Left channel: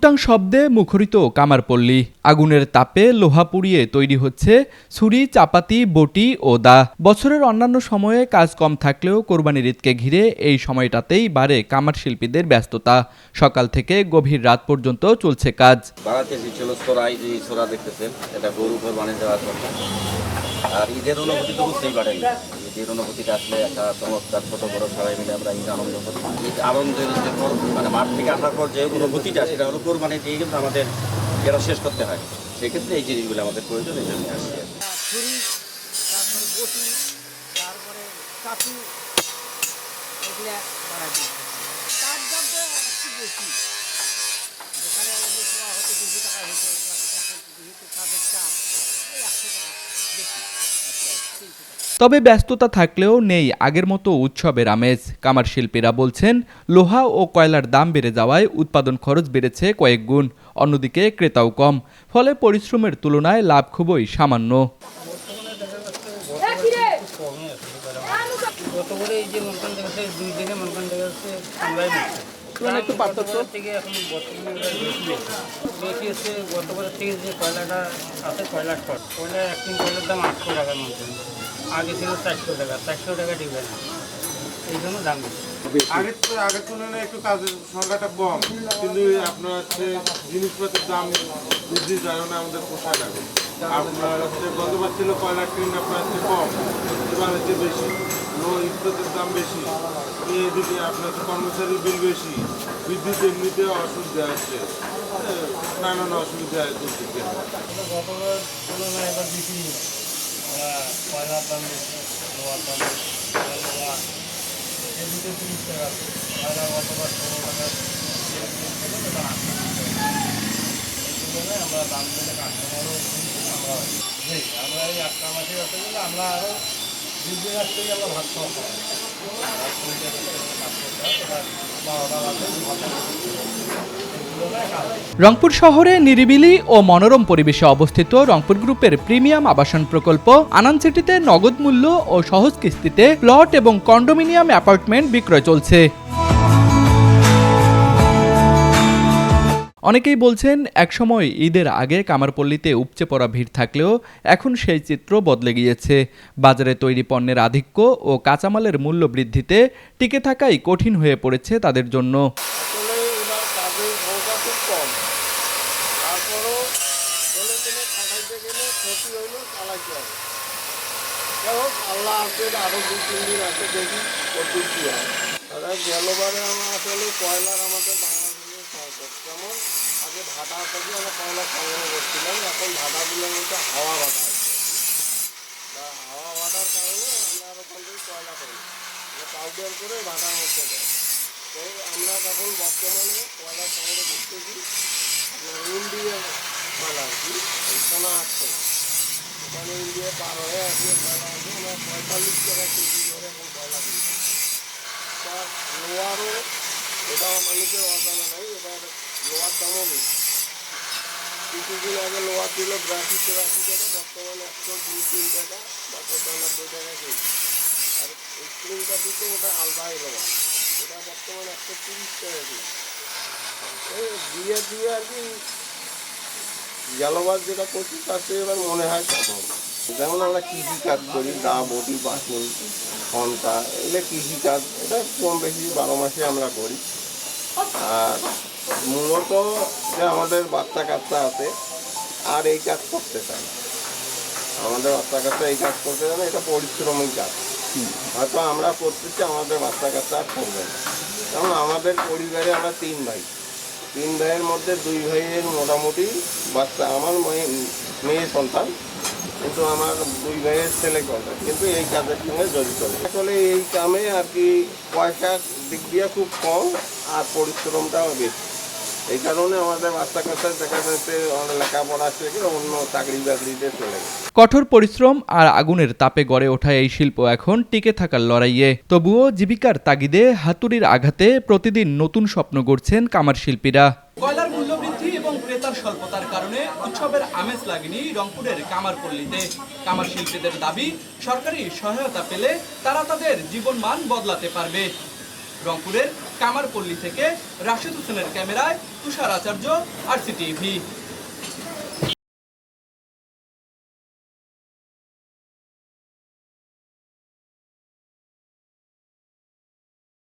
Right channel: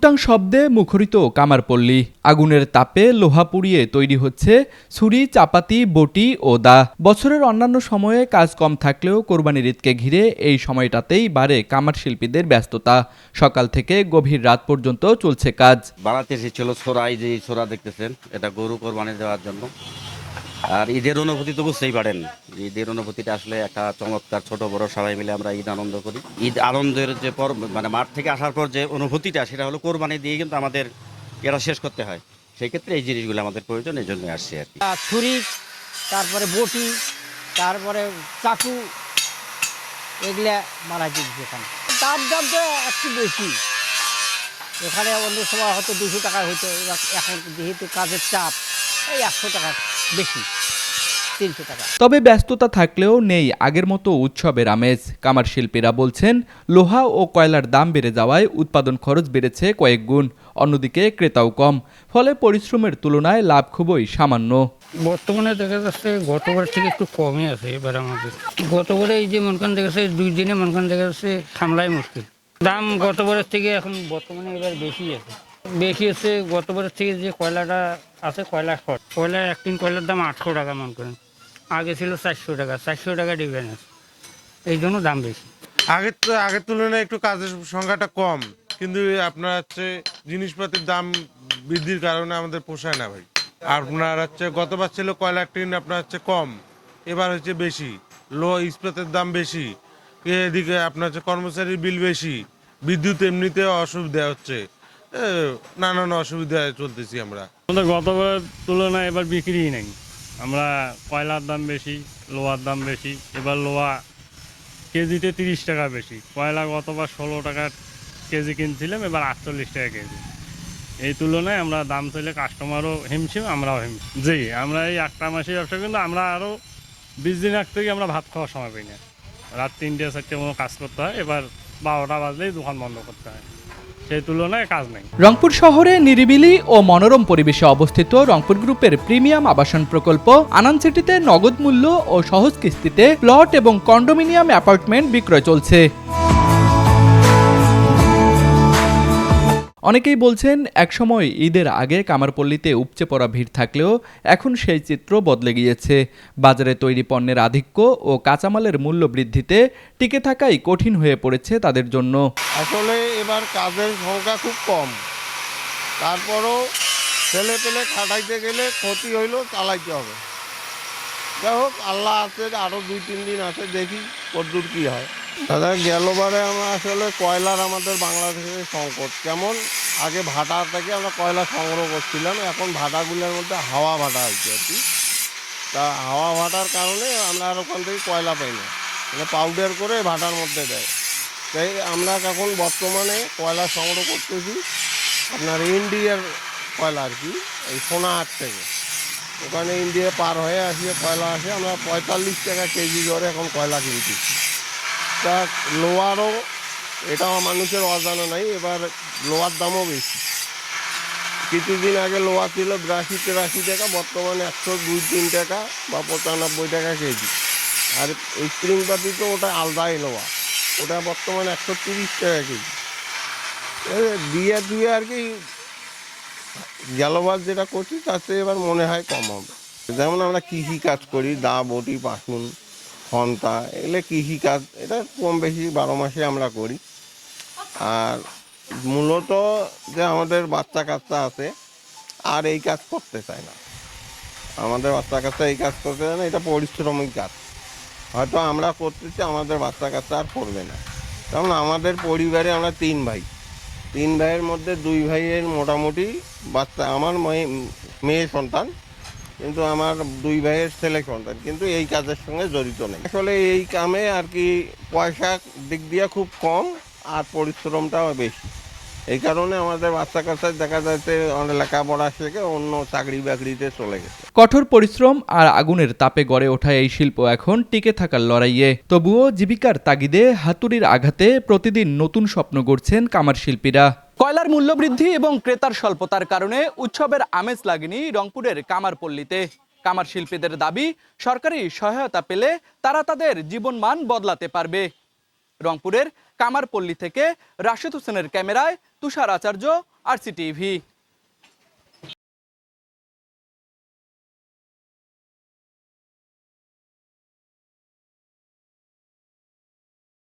টুংটাং শব্দে মুখরিত কামারপল্লী। আগুনের তাপে লোহা পুড়িয়ে তৈরি হচ্ছে ছুরি, চাপাতি, বটি ও দা। বছরের অন্যান্য সময়ে কাজ কম থাকলেও কোরবানির ঈদকে ঘিরে এই সময়টাতেই বাড়ে কামার শিল্পীদের ব্যস্ততা। সকাল থেকে গভীর রাত পর্যন্ত চলছে কাজ। বাড়াতে ছিল ছোড়াই, যে ছোড়া দেখতেছেন এটা গরু কোরবানি দেওয়ার জন্য। আর ঈদের অনুভূতি তো বুঝতেই পারেন, ঈদের অনুভূতিটা আসলে একটা চমৎকার। ছোট বড় সবাই মিলে আমরা ঈদ আনন্দ করি। ঈদ আনন্দের যে মানে মাঠ থেকে আসার পর যে অনুভূতিটা, সেটা হলো কোরবানি দিয়ে কিন্তু আমাদের এটা শেষ করতে হয়। সেক্ষেত্রে এই জিনিসগুলো আমাদের প্রয়োজন, এই জন্য আসছে। ছুরি, তারপরে বটি, তারপরে চাকু, এগুলা মারা দিচ্ছে। দাম তো একটু বেশি। এখানে অন্য সময় হয়তো 200 টাকা হতো, এখন যেহেতু কাজের চাপ, এই 100 টাকা বেশি, 300 টাকা। তবে ব্যস্ততা থাকলেও নেই আগের মতো উৎসবের আমেজ। কামার শিল্পীরা বলছেন, লোহা ও কয়লার দাম বেড়ে যাওয়ায় উৎপাদন খরচ বেড়েছে কয়েক গুণ। অন্যদিকে ক্রেতাও কম, ফলে পরিশ্রমের তুলনায় লাভ খুবই সামান্য। বর্তমানে দেখা যাচ্ছে গতবার থেকে একটু কমই আছে এবার আমাদের। গতবারে এই যে মনকান দেখা যাচ্ছে 2 দিনে মনকান দেখা যাচ্ছে সামলাই মুক্তি। দাম গতবারের থেকে এখন বর্তমানে এবার বেশি আছে। গতবারের থেকে যে কয়লাটা আছে, কয়লার খড়, কয়লার 1 টিন কয়লার দাম 800 টাকা মনকান, আগে ছিল 400 টাকা। 400 টাকা দিবে না, এই জন্য দাম বেশি। আগের তুলনায় একটু কাজের সংখ্যাটা কম, কিন্তু আপনার হচ্ছে জিনিসপত্রের দাম বৃদ্ধির কারণে আমাদের পোষায় না। আপনার হচ্ছে গতবার ছিল কয়লার টিন আপনার হচ্ছে কম, এবার হচ্ছে বেশি। লো ইস্পাতের দাম বেশি, এদিকে আপনার হচ্ছে কর্মচারীর বিল বেশি, বিদ্যুৎ এমনিতে অসুবিধা হচ্ছে, নানান অসুবিধা চলতেছি আমরা। আমাদের গতবার তুলনায় এবার বিক্রি নেই। আমরা কয়লার দাম বেশি, লোহার দাম বেশি। এবার লোহা কেজিতে 30 টাকা বেশি। কয়লা গতবার 16 টাকা কেজি কিনছিলাম, এবার 48 টাকা কেজি। এই তুলনায় আমরা দাম পেলে কাস্টমারও হিমশিম, আমরাও হিমশিম। জি, আমরা এই 8টা মাসের ব্যবসা, কিন্তু আমরা আরও 20 দিন আগেই আমরা ভাত খাওয়া সময় পেয়েছি। রাত 3টে 4টে মতো কাজ করতে হয়, এবার 12টা বাজলেই দোকান বন্ধ করতে হয়। সেই তুলনায় কাজ হয়। রংপুর শহরে নিরিবিলি ও মনোরম পরিবেশে অবস্থিত রংপুর গ্রুপের প্রিমিয়াম আবাসন প্রকল্প আনান সিটিতে নগদ মূল্য ও সহজ কিস্তিতে প্লট এবং কন্ডোমিনিয়াম অ্যাপার্টমেন্ট বিক্রয় চলছে। অনেকেই বলছেন, একসময় ঈদের আগে কামারপল্লীতে উপচে পড়া ভিড় থাকলেও এখন সেই চিত্র বদলে গিয়েছে। বাজারে তৈরি পণ্যের আধিক্য ও কাঁচামালের মূল্য বৃদ্ধিতে টিকে থাকাই কঠিন হয়ে পড়েছে তাদের জন্য। আসলে এবার কাজের সংখ্যা খুব কম, তারপরেও ছেলে পেলে খাটাইতে গেলে ক্ষতি হইলেও চালাইতে হবে। যাই হোক, আল্লাহ আছে, আরও 2-3 দিন আছে, দেখি কতদূর কী হয়। দাদা, গেলবারে আমরা আসলে কয়লার আমাদের বাংলাদেশের সংকট কেমন। আগে ভাটা থেকে আমরা কয়লা সংগ্রহ করছিলাম, এখন ভাটাগুলোর মধ্যে হাওয়া ভাটা আছে আর কি। তা হাওয়া ভাটার কারণে আমরা আর ওখান থেকে কয়লা পাই না, মানে পাউডার করে ভাটার মধ্যে দেয়। তাই আমরা এখন বর্তমানে কয়লা সংগ্রহ করতেছি আপনার ইন্ডিয়ার কয়লা আর কি, এই সোনাহাট থেকে। ওখানে ইন্ডিয়া পার হয়ে আসিয়ে কয়লা আসে, আমরা 45 টাকা কেজি দরে এখন কয়লা কিনছি। তা লোহারও এটাও মানুষের অজানা নাই, এবার লোহার দামও বেশি। কিছুদিন আগে লোহা ছিল 82-83 টাকা, বর্তমানে 102-3 টাকা বা 95 টাকা কেজি। আর স্প্রিং পাতি তো ওটা আলাদাই লোহা, ওটা বর্তমানে 130 টাকা কেজি। দিয়ে আর কি জলবাস যেটা করছি তাতে এবার মনে হয় কম হবে। যেমন আমরা কৃষি কাজ করি, দা, বটি, পাকুন, ফন্তা, এগুলো কৃষিকাজ, এটা কম বেশি 12 মাসে আমরা করি। আর মূলত যে আমাদের বাচ্চা কাচ্চা আছে আর এই কাজ করতে চায় না, আমাদের বাচ্চা কাচ্চা এই কাজ করতে চায় না, এটা পরিশ্রমিক কাজ। হয়তো আমরা করতেছি, আমাদের বাচ্চা কাচ্চা আর করবে না। যেমন আমাদের পরিবারে আমরা 3 ভাই, 3 ভাইয়ের মধ্যে 2 ভাইয়ের মোটামুটি বাচ্চা, আমার মেয়ে সন্তান, কিন্তু আমার 2 ভাইয়ের ছেলে সন্তান কিন্তু এই কাজের সঙ্গে জড়িত নেই। আসলে এই কামে আর কি পয়সার দিক দিয়ে খুব কম আর পরিশ্রমটাও বেশি। এই কারণে আমাদের বাচ্চা কাচ্চা দেখা যাচ্ছে অনেক লেখাপড়া থেকে অন্য চাকরি বাকরিতে চলে গেছে। কঠোর পরিশ্রম আর আগুনের তাপে গড়ে ওঠা এই শিল্প এখন টিকে থাকার লড়াইয়ে। তবুও জীবিকার তাগিদে হাতুড়ির আঘাতে প্রতিদিন নতুন স্বপ্ন গড়ছেন কামার শিল্পীরা। কয়লার মূল্য বৃদ্ধি এবং ক্রেতার স্বল্পতার কারণে উৎসবের আমেজ লাগেনি রংপুরের কামারপল্লীতে। কামার শিল্পীদের দাবি, সরকারি সহায়তা পেলে তারা তাদের জীবনমান বদলাতে পারবে। রংপুরের কামারপল্লী থেকে রাশেদ হোসেনের ক্যামেরায় তুষার আচার্য, RCTV।